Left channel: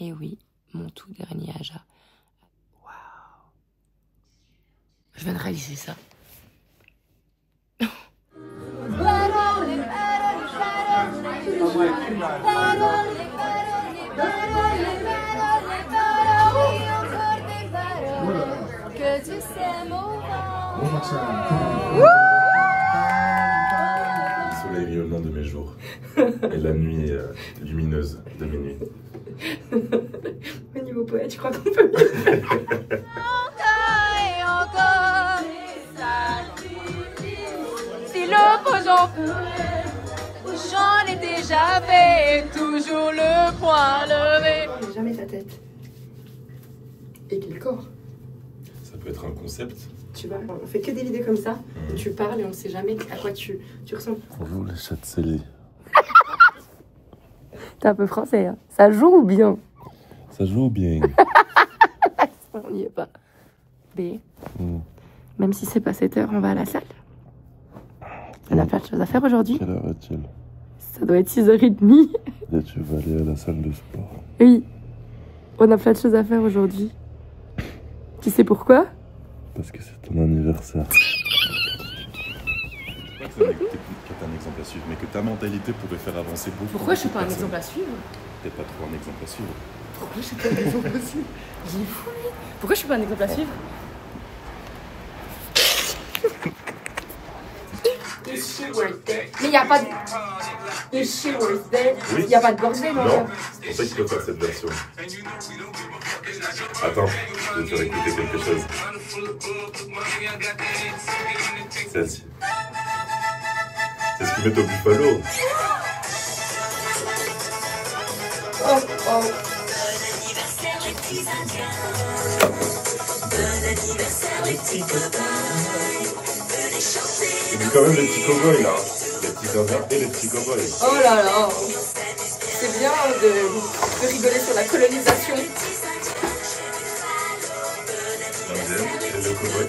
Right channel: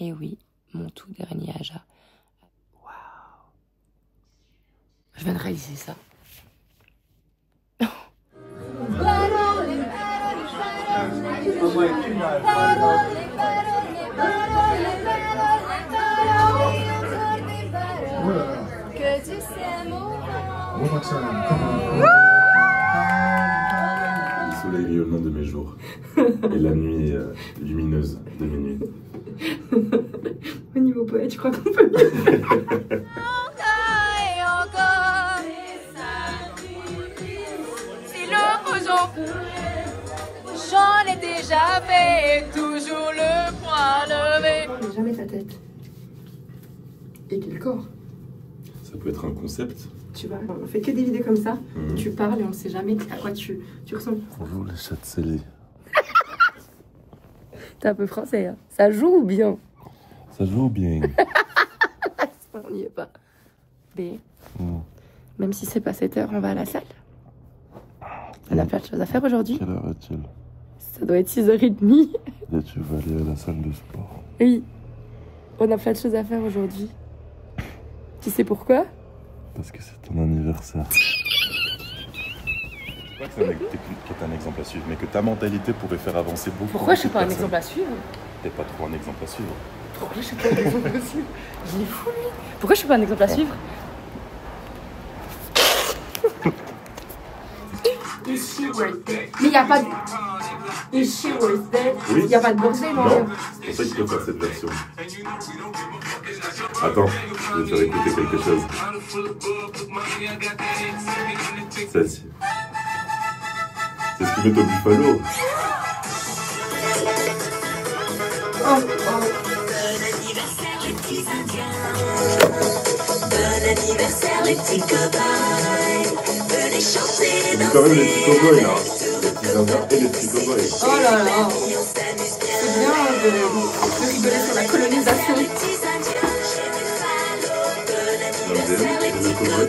Et oui, mon tout dernier Aja. Waouh. Je viens de réaliser ça. Que tu sais mon Le soleil rayonnant de mes jours et la nuit lumineuse de mes nuits. Au niveau poète, je crois qu'on peut mieux. Si l'opposant, j'en ai déjà fait, toujours le poing levé. Jamais ta tête. Et quel corps. Ça peut être un concept. Tu vois, on fait que des vidéos comme ça, où tu parles et on ne sait jamais à quoi tu ressembles. Bonjour les chats scellés. T'es un peu français, hein. Ça joue ou bien? Ça joue bien. On n'y est pas. B. Même si c'est pas 7 h, on va à la salle. On a plein de choses à faire aujourd'hui. Quelle heure est-il? Ça doit être 6h30. Et tu vas aller à la salle de sport. Oui. On a plein de choses à faire aujourd'hui. Tu sais pourquoi? Parce que c'est ton anniversaire. Je crois que t'es un exemple à suivre, mais que ta mentalité pourrait faire avancer beaucoup. Pourquoi je suis pas un exemple à suivre? T'es pas trop un exemple à suivre. Pourquoi je suis pas un exemple à suivre? Il est fou lui. Pourquoi je suis pas un exemple à suivre? Mais il n'y a pas de... Oui. Il n'y a pas de birthday, moi. Non, c'est pour ça qu'il faut faire cette version. Attends, je vais te faire écouter quelque chose. Celle-ci. C'est ce qu'ils mettent au Buffalo. Oh, oh. Il dit quand même les petits cowboys là. Les petits indiens et les petits cowboys. Oh là là. C'est bien de rigoler sur la colonisation. L'indienne et le cowboy.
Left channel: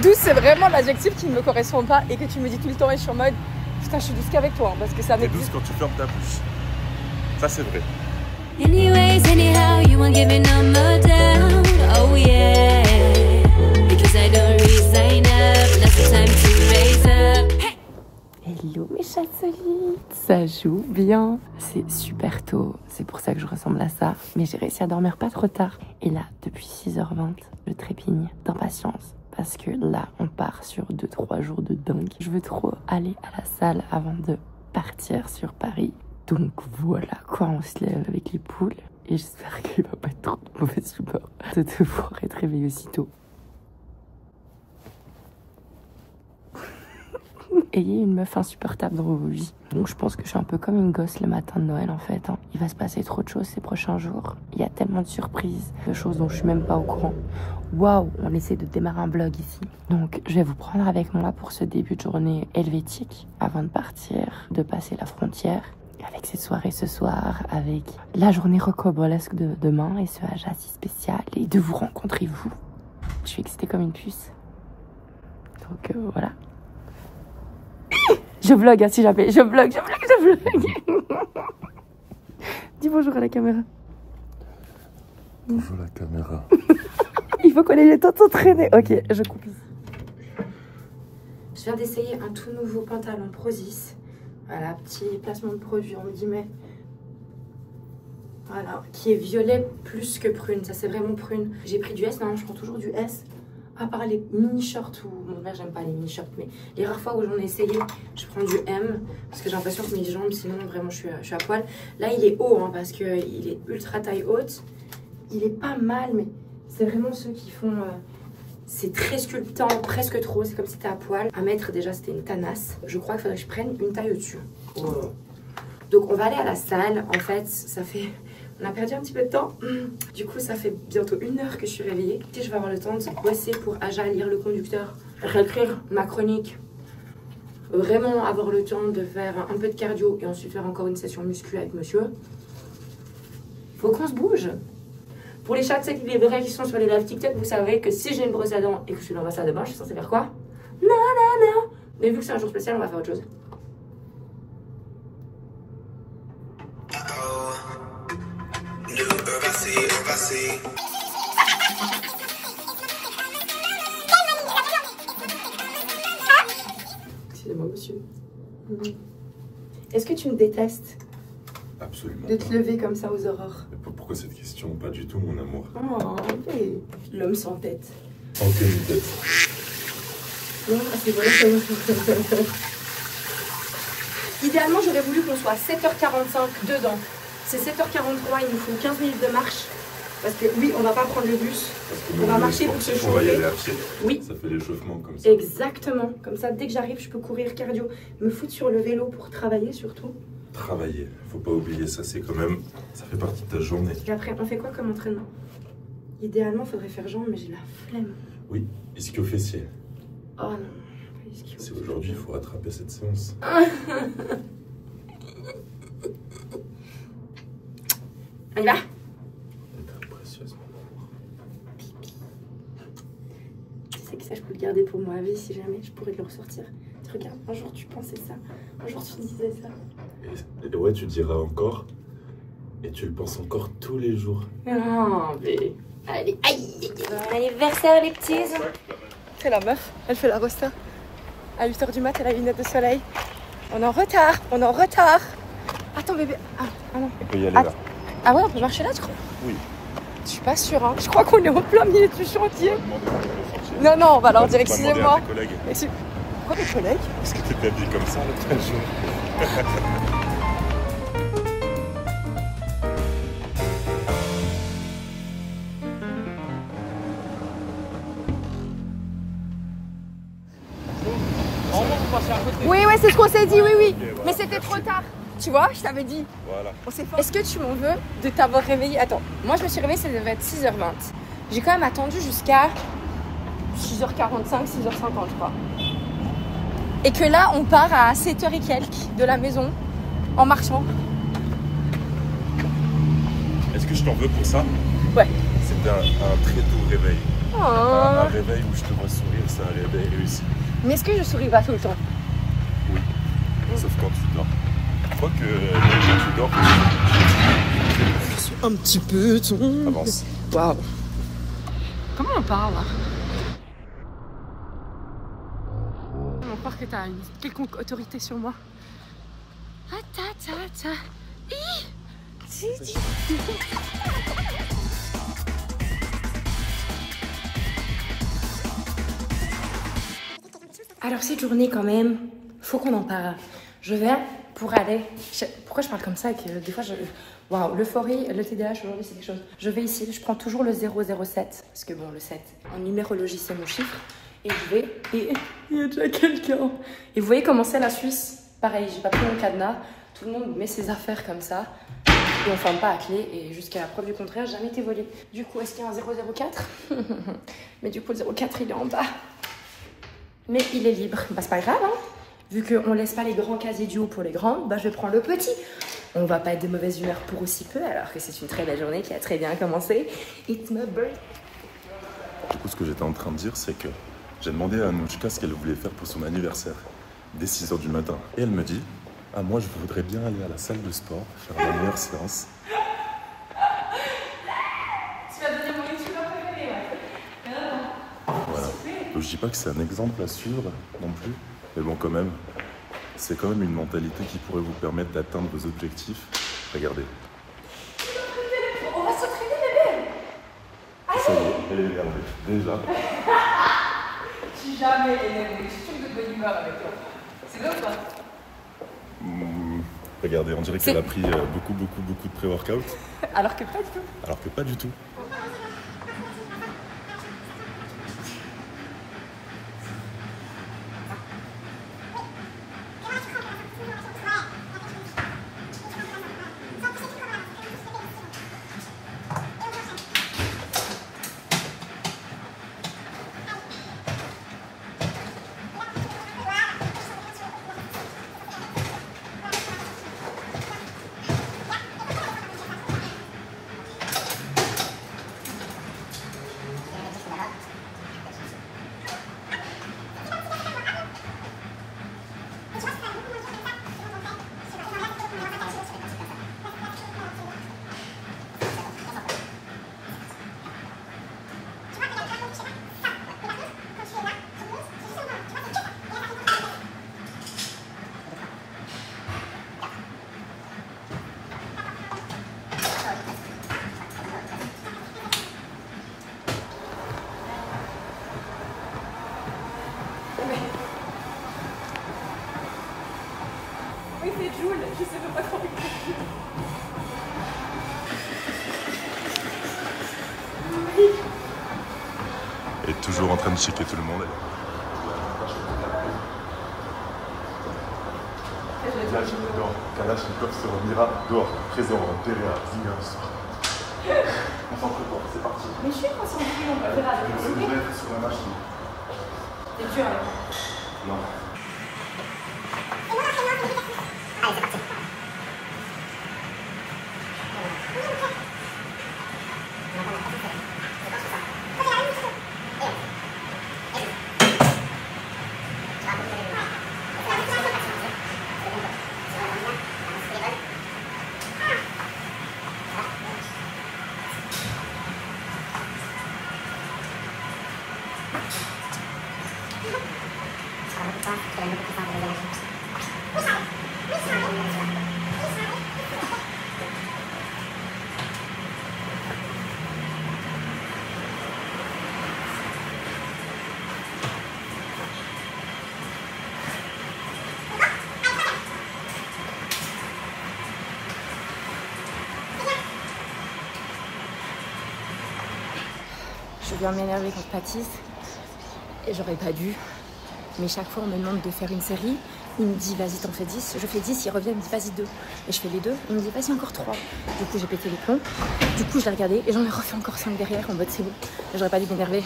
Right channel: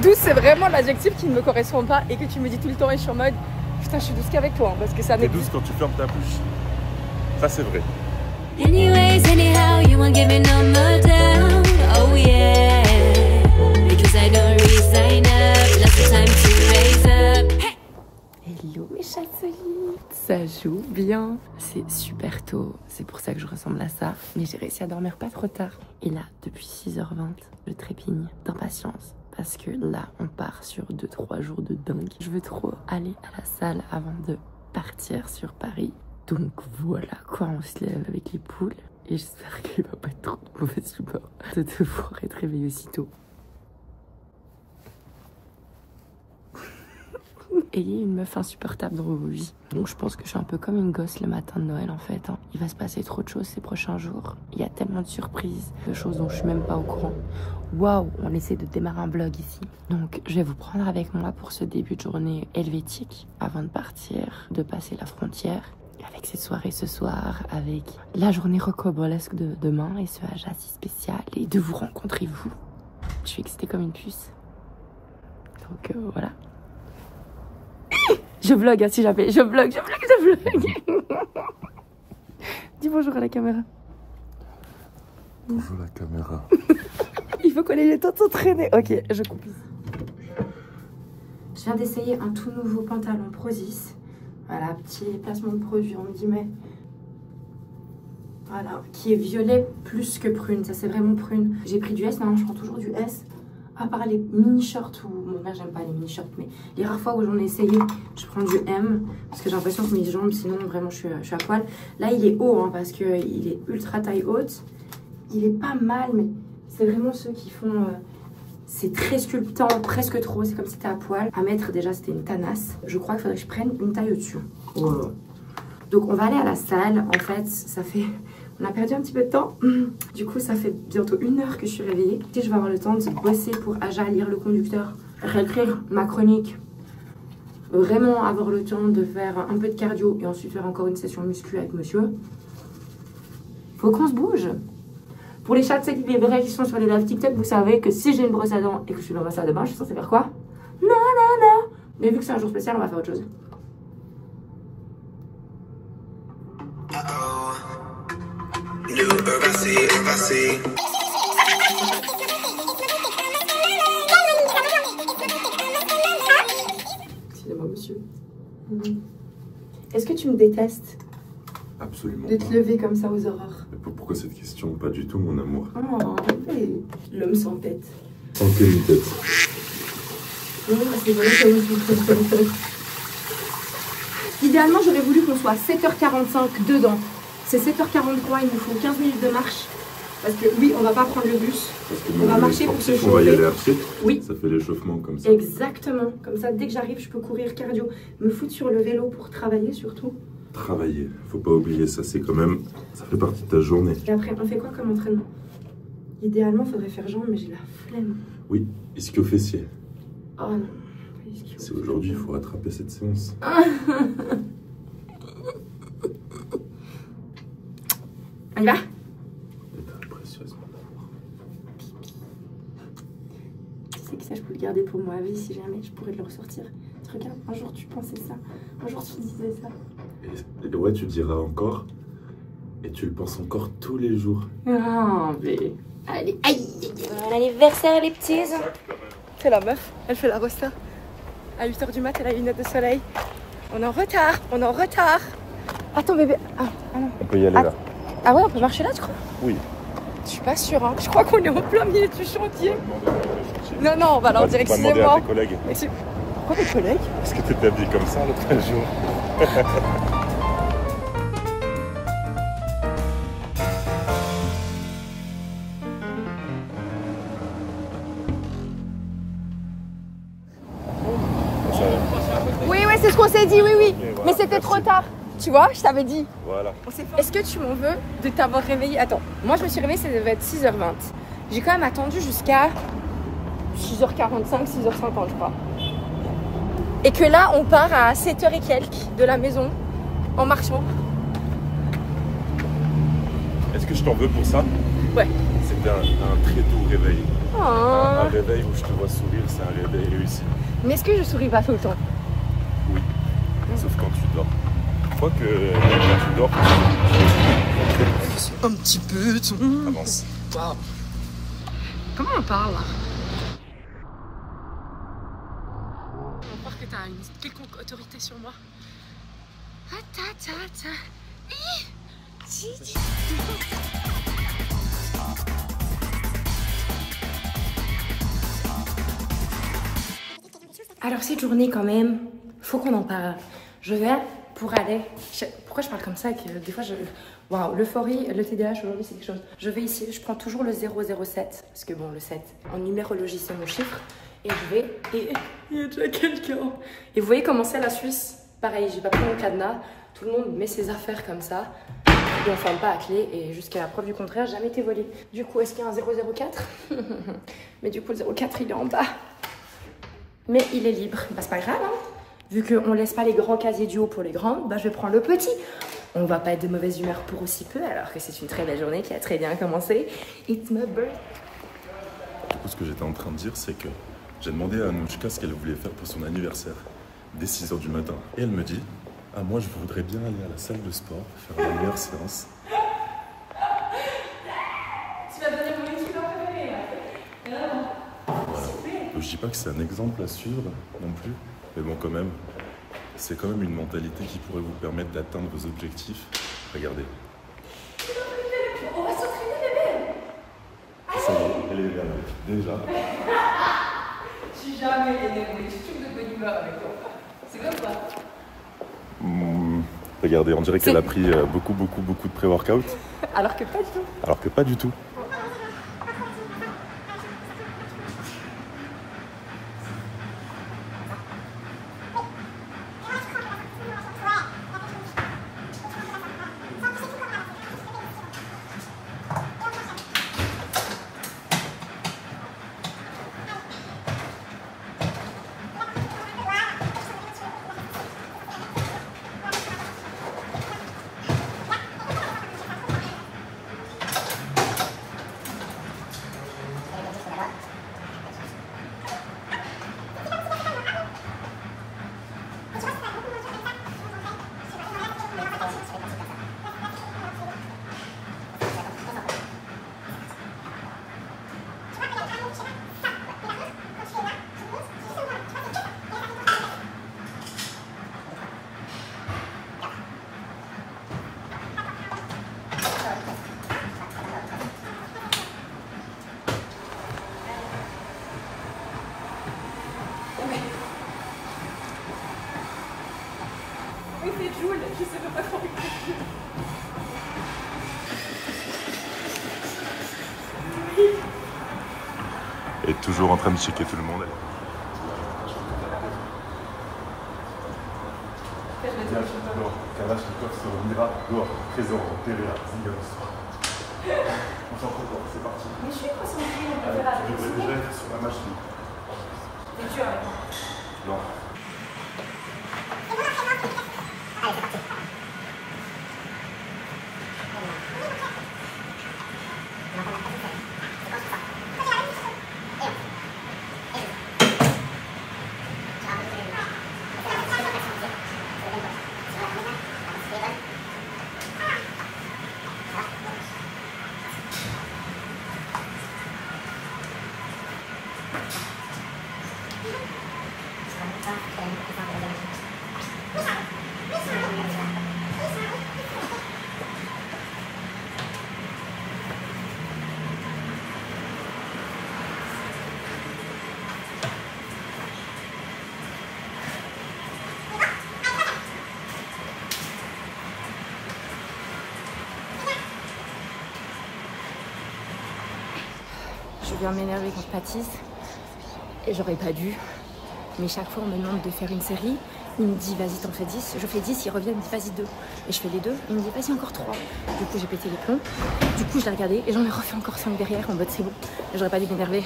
Douce, c'est vraiment l'adjectif qui ne me correspond pas et que tu me dis tout le temps et je suis en mode putain, je suis douce qu'avec toi, hein, parce que ça T'es douce quand tu fermes ta bouche. Ça c'est vrai. Anyways, anyhow, you won't give me number down. Oh yeah, because I don't resign up. Now's the time to raise up. Hey! Hello mes chatselites, ça joue bien. C'est super tôt, c'est pour ça que je ressemble à ça. Mais j'ai réussi à dormir pas trop tard. Et là, depuis 6h20, je trépigne d'impatience. Parce que là, on part sur 2-3 jours de dingue. Je veux trop aller à la salle avant de partir sur Paris. Donc voilà quoi, on se lève avec les poules. Et j'espère qu'il va pas être trop de mauvaise humeur de devoir être réveillé aussitôt. Ayez une meuf insupportable dans vos vies. Donc je pense que je suis un peu comme une gosse le matin de Noël en fait. Hein. Il va se passer trop de choses ces prochains jours. Il y a tellement de surprises, de choses dont je suis même pas au courant. Waouh, on essaie de démarrer un vlog ici. Donc je vais vous prendre avec moi pour ce début de journée helvétique. Avant de partir, de passer la frontière. Avec cette soirée ce soir, avec la journée rocambolesque de demain et ce Aja si spécial. Et de vous rencontrer vous. Je suis excitée comme une puce. Donc voilà. Je vlog, hein, si jamais. Je vlog. Dis bonjour à la caméra. Bonjour la caméra. Il faut qu'on ait le temps de s'entraîner. Ok, je coupe. Je viens d'essayer un tout nouveau pantalon Prozis. Voilà, petit placement de produit en guillemets. Voilà, qui est violet plus que prune. Ça, c'est vraiment prune. J'ai pris du S, non, je prends toujours du S. À part les mini-shirts, ou bon là j'aime pas les mini-shirts, mais les rares fois où j'en ai essayé, je prends du M, parce que j'ai l'impression que mes jambes, sinon vraiment je suis à poil. Là il est haut, hein, parce qu'il est ultra taille haute. Il est pas mal, mais c'est vraiment ceux qui font... c'est très sculptant, presque trop, c'est comme si t'es à poil. À mettre déjà c'était une tanasse. Je crois qu'il faudrait que je prenne une taille au-dessus. Voilà. Donc on va aller à la salle, en fait ça fait... On a perdu un petit peu de temps. Du coup, ça fait bientôt 1 heure que je suis réveillée. Si je vais avoir le temps de bosser pour Aja, lire le conducteur, réécrire ma chronique, vraiment avoir le temps de faire un peu de cardio et ensuite faire encore une session muscu avec monsieur. Faut qu'on se bouge. Pour les chats, les vrais qui sont sur les lives TikTok, vous savez que si j'ai une brosse à dents et que je suis dans ma salle de bain, je suis censée faire quoi? Mais vu que c'est un jour spécial, on va faire autre chose. Excusez-moi, monsieur. Est-ce que tu me détestes Absolument. de te lever comme ça aux aurores? Mais pourquoi cette question? Pas du tout, mon amour. Oh, oui. L'homme sans tête. Sans queue ni tête. Non, c'est bon. Idéalement, j'aurais voulu qu'on soit à 7h45 dedans. C'est 7h43, il nous faut 15 minutes de marche. Parce que oui, on va pas prendre le bus. Parce que On va marcher pour se on va y chauffer. aller à pied. Oui. Ça fait l'échauffement comme ça. Exactement. Comme ça, dès que j'arrive, je peux courir cardio. Me foutre sur le vélo pour travailler surtout. Travailler, faut pas oublier ça, c'est quand même, ça fait partie de ta journée. Et après, on fait quoi comme entraînement? Idéalement, il faudrait faire jambes, mais j'ai la flemme. Oui, ischio fessier. Oh non, pas ischio. C'est aujourd'hui, il faut rattraper cette séance. On y va? Elle est très précieuse, mon amour. Tu sais que ça, je peux le garder pour moi à vie si jamais je pourrais le ressortir. Regarde, un jour tu pensais ça, un jour tu disais ça. Et ouais, tu diras encore, et tu le penses encore tous les jours. Ah, mais... Allez, aïe! Bon anniversaire les petits. C'est la meuf, elle fait la rosta. À 8h du mat, elle a les lunettes de soleil. On est en retard, on est en retard. Attends bébé, ah non. On peut y aller là. Ah ouais, on peut marcher là, tu crois? Oui. Je suis pas sûre, hein. Je crois qu'on est en plein milieu du chantier. Non, non, on va leur dire excusez-moi. Pourquoi tes collègues? Parce que t'étais habillé comme ça l'autre jour. Oui, oui, c'est ce qu'on s'est dit, oui, oui. Mais c'était trop tard. Tu vois, je t'avais dit. Voilà. Est-ce que tu m'en veux de t'avoir réveillé? Attends, moi je me suis réveillée, ça devait être 6h20. J'ai quand même attendu jusqu'à 6h45, 6h50, je crois. Et que là, on part à 7h et quelques de la maison en marchant. Est-ce que je t'en veux pour ça? Ouais. C'était un très doux réveil. Oh. Un réveil où je te vois sourire, c'est un réveil réussi. Mais est-ce que je souris pas tout le temps? Oui, sauf quand tu dors. Quoique, quand tu dors, Un petit peu, ton... avance. Waouh. Comment on parle là? On va croire que t'as une quelconque autorité sur moi. Ah ta ta ta. Alors cette journée quand même, faut qu'on en parle. Je vais pour aller... Pourquoi je parle comme ça que des fois je... Waouh, l'euphorie, le TDAH aujourd'hui c'est quelque chose. Je vais ici, je prends toujours le 007, parce que bon le 7, en numérologie c'est mon chiffre. Et je vais, et il y a déjà quelqu'un. Et vous voyez comment c'est la Suisse? Pareil, j'ai pas pris mon cadenas, tout le monde met ses affaires comme ça. Et on ferme pas à clé, et jusqu'à la preuve du contraire, jamais été volé. Du coup, est-ce qu'il y a un 004? Mais du coup, le 04 il est en bas. Mais il est libre, bah c'est pas grave hein. Vu qu'on laisse pas les grands casiers du haut pour les grands, bah je vais prendre le petit. On va pas être de mauvaise humeur pour aussi peu, alors que c'est une très belle journée qui a très bien commencé. It's my birthday. Du coup, ce que j'étais en train de dire, c'est que j'ai demandé à Anouchka ce qu'elle voulait faire pour son anniversaire, dès 6h du matin. Et elle me dit, ah moi je voudrais bien aller à la salle de sport, faire la meilleure séance. Tu vas donner mon youtubeur préféré. Voilà. Donc, je dis pas que c'est un exemple à suivre non plus, mais bon quand même, c'est quand même une mentalité qui pourrait vous permettre d'atteindre vos objectifs. Regardez. On va s'entraîner bébé. Ça y est, elle est énervée. Déjà. Je suis jamais énervée, je suis sûre de bonne humeur avec toi. C'est vrai ou pas? Regardez, on dirait qu'elle a pris beaucoup de pré-workout. Alors que pas du tout. Alors que pas du tout. Oui, c'est Joule, je sais pas comment il fait Joule. Et toujours en train de checker tout le monde. Kalachnikov sur Mira, dehors, présent, PVA, Ziga, soir. On s'en fout, c'est parti. Mais je suis concentrée, on peut faire avec Je vais être sur la machine. C'est dur, hein. Non. Allez, c'est parti. Je viens m'énerver quand je pâtisse et j'aurais pas dû. Mais chaque fois on me demande de faire une série, il me dit vas-y t'en fais 10, je fais 10, il revient, il me dit vas-y 2. Et je fais les 2, il me dit vas-y encore 3. Du coup j'ai pété les plombs, du coup je l'ai regardé et j'en ai refait encore 5 derrière en mode c'est bon. J'aurais pas dû m'énerver.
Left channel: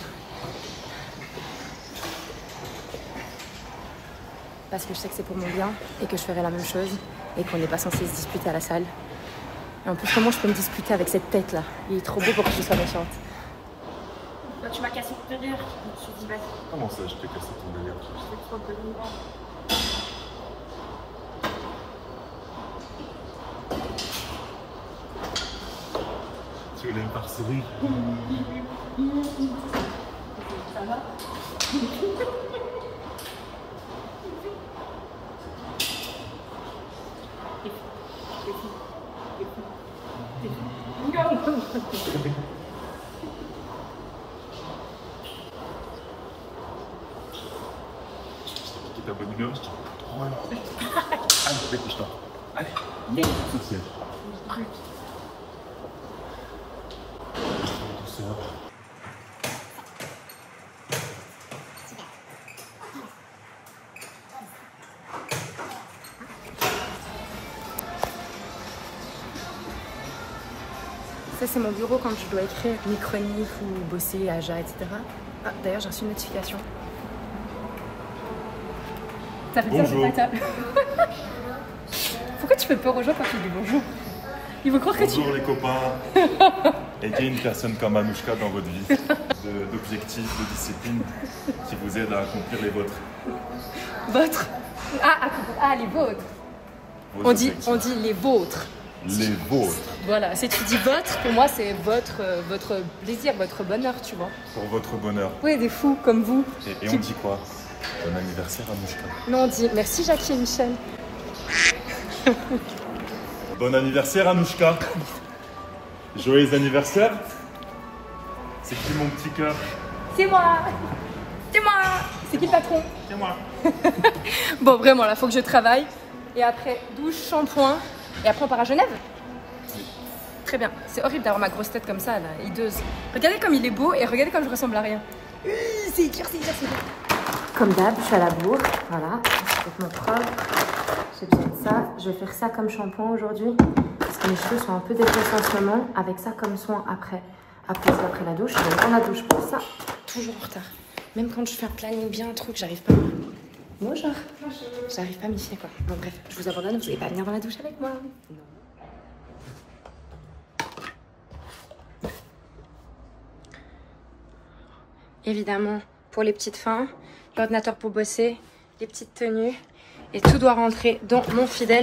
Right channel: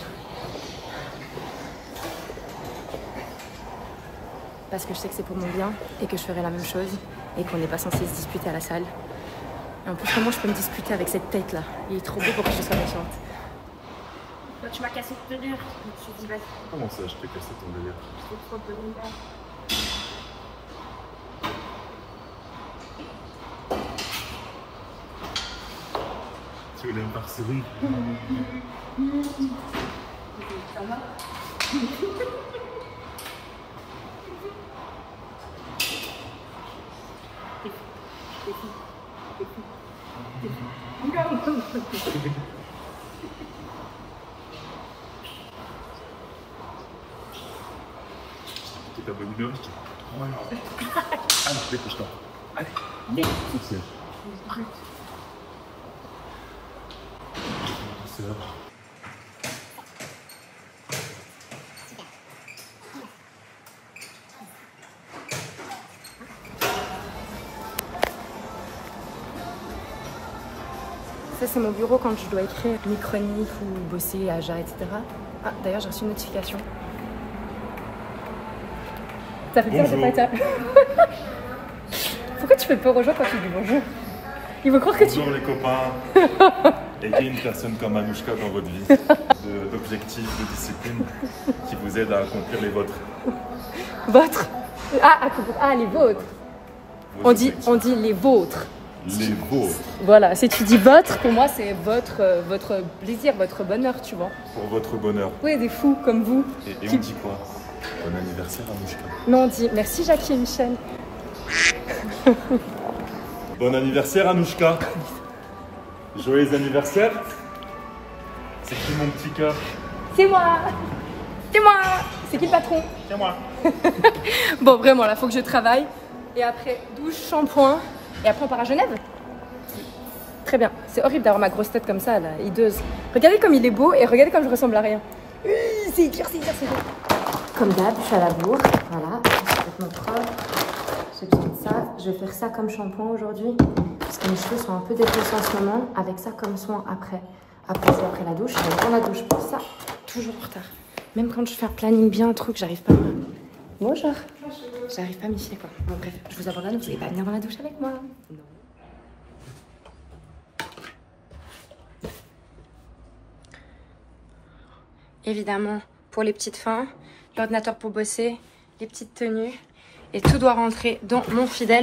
Parce que je sais que c'est pour mon bien et que je ferai la même chose et qu'on n'est pas censé se disputer à la salle. Et en plus comment je peux me disputer avec cette tête là? Il est trop beau pour que je sois méchante. Tu m'as cassé ton délire. Je me suis dit, vas-y. Comment ça, je t'ai cassé ton délire? Je t'ai trop de délire. Tu voulais me faire sourire? Ça va? Ta bonne humeur, je dis, oh non. Allez, dépêche-toi. Allez, social. Douceur. Ça c'est mon bureau quand je dois écrire mes chroniques ou bosser à JA, etc. Ah, d'ailleurs j'ai reçu une notification. Ça fait peur de pas être... Pourquoi tu fais peur aux gens quand tu dis bonjour? Ils vont croire que tu... Bonjour les copains. Ayez une personne comme Anouchka dans votre vie, d'objectifs, de discipline, qui vous aide à accomplir les vôtres. Votre? Ah, les vôtres. On dit les vôtres. Les vôtres. Voilà, si tu dis votre, pour moi c'est votre plaisir, votre bonheur, tu vois. Pour votre bonheur. Oui, des fous comme vous. Et on dit quoi? Bon anniversaire Anouchka. Non, on dit merci Jackie et Michel. Bon anniversaire Anouchka. Joyeux anniversaire. C'est qui mon petit cœur? C'est moi. C'est moi. C'est qui le patron? C'est moi. Bon, vraiment, là, faut que je travaille. Et après, douche, shampoing. Et après, on part à Genève? Oui. Très bien. C'est horrible d'avoir ma grosse tête comme ça, là, hideuse. Regardez comme il est beau et regardez comme je ressemble à rien. C'est dur, c'est dur, c'est dur. Comme d'hab, je suis à la bourre. Voilà, c'est complètement propre. J'ai besoin de ça. Je vais faire ça comme shampoing aujourd'hui. Parce que mes cheveux sont un peu défoncés en ce moment. Avec ça comme soin après. Après la douche. Je vais prendre la douche pour ça. Toujours en retard. Même quand je fais un planning bien, un truc, j'arrive pas à... Bonjour. J'arrive pas à m'y filer, quoi. Bon, bref, je vous abandonne. Vous n'allez pas venir dans la douche avec moi. Non. Évidemment, pour les petites fins, l'ordinateur pour bosser, les petites tenues. Et tout doit rentrer dans mon fidèle.